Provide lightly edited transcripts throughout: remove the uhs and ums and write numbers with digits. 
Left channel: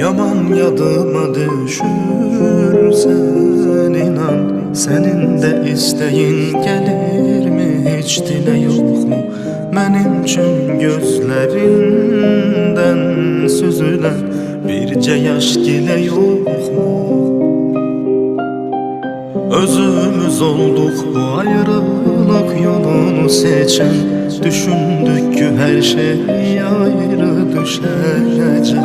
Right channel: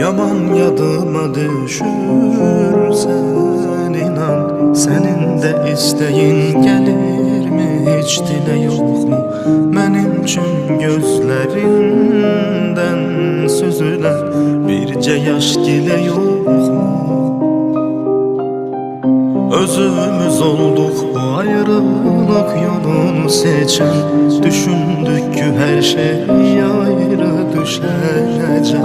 Yaman yadıma düşürsen inan, senin de isteğin gelir mi? Hiç dile yok mu benim için gözlerinden süzülen birce yaş dile yok mu? Özümüz olduk bu ayrılık yolunu seçen, düşündük ki her şey ayrı düşecek.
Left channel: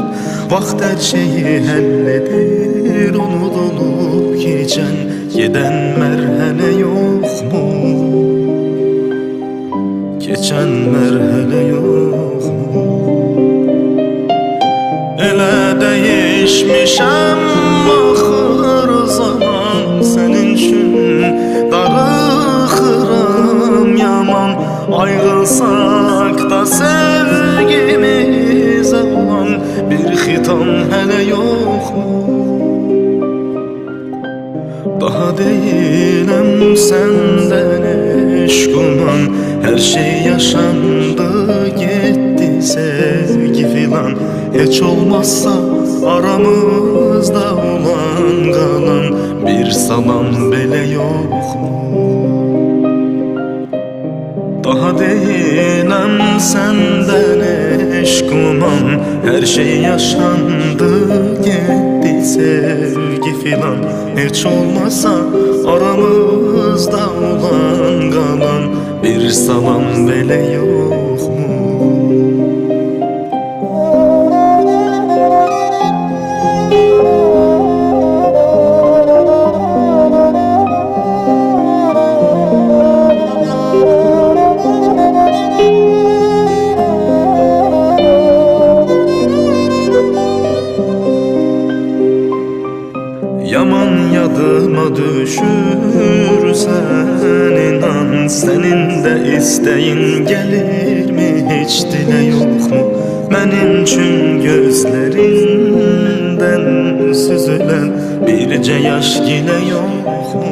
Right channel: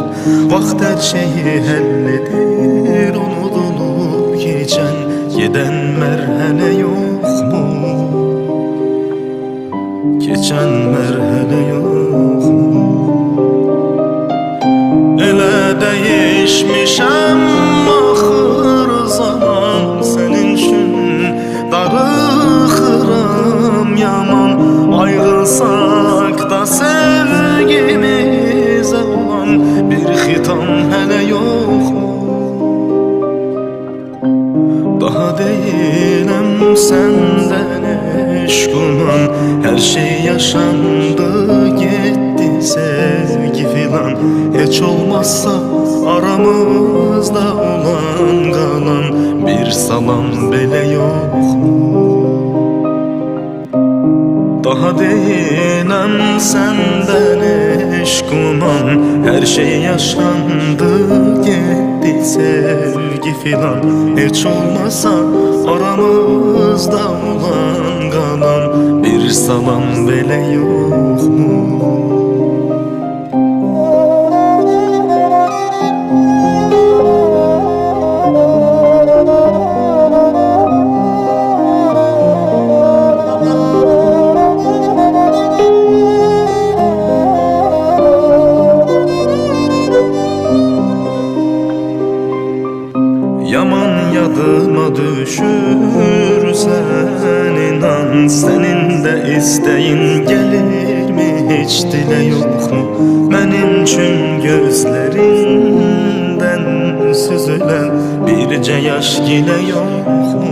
Vaxt her şeyi halledir, unutulup geçen giden merhale yok mu? Geçen merhale yok mu? Elə değişmişəm axır zaman, senin üçün darıxıram yaman. Ayrılsak da sevgimize olan bir xitam hələ yok mu? Daha deyiləm səndən eşquman, her şey yaşandı gitti sevgi filan. Hiç olmazsa aramızda olan kalan bir salam bile yok mu? Daha deyiləm səndən eşquman, her şey yaşandı gitti sevgi filan. Hiç olmazsa aramızda olan kalan bir salam bile yok mu? Yaman yadıma düşürsen inan, senin de isteğin gelir mi? Hiç dile yok mu benim için gözlerinden süzülen birce yaş yine yok mu?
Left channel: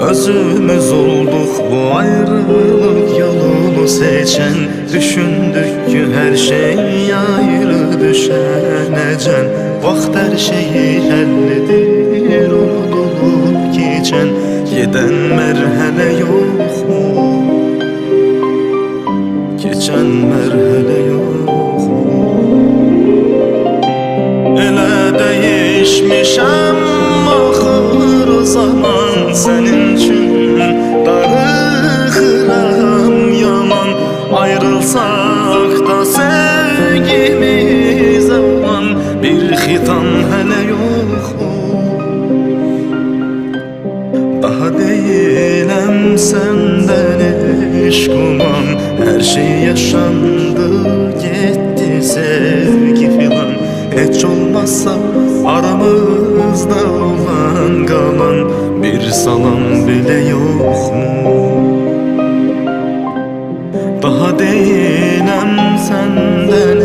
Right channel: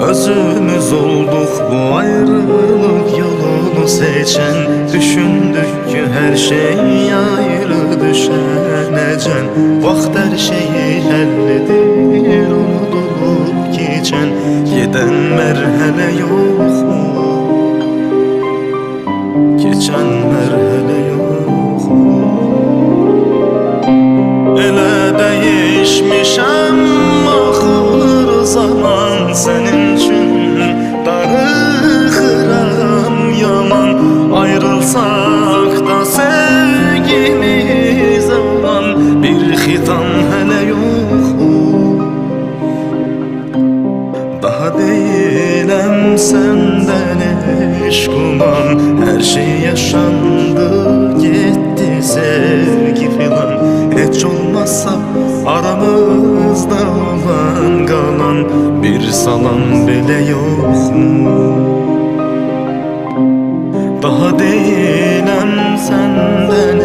Özümüz olduk bu ayrılık yolunu seçen, düşündük ki her şey ayrı düşenecen. Vaxt her şeyi halledir, unutulup geçen giden merhale yok mu? Geçen merhale yok mu? Elə değişmişəm axır zaman, senin için darıxıram yaman. Ayrılsak da sevgimize olan bir xitam hələ yok mu? Daha deyiləm səndən eşquman, her şey yaşandı gitti sevgi filan. Hiç olmazsa aramızda olan kalan bir salam bile yok mu? Daha deyiləm səndən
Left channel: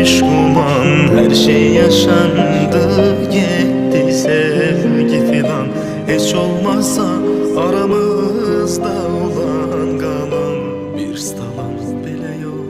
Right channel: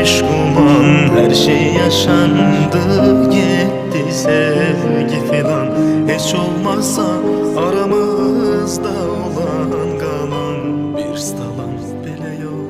eşquman, her şey yaşandı gitti sevgi filan. Hiç olmazsa aramızda olan kalan bir salam bile yok.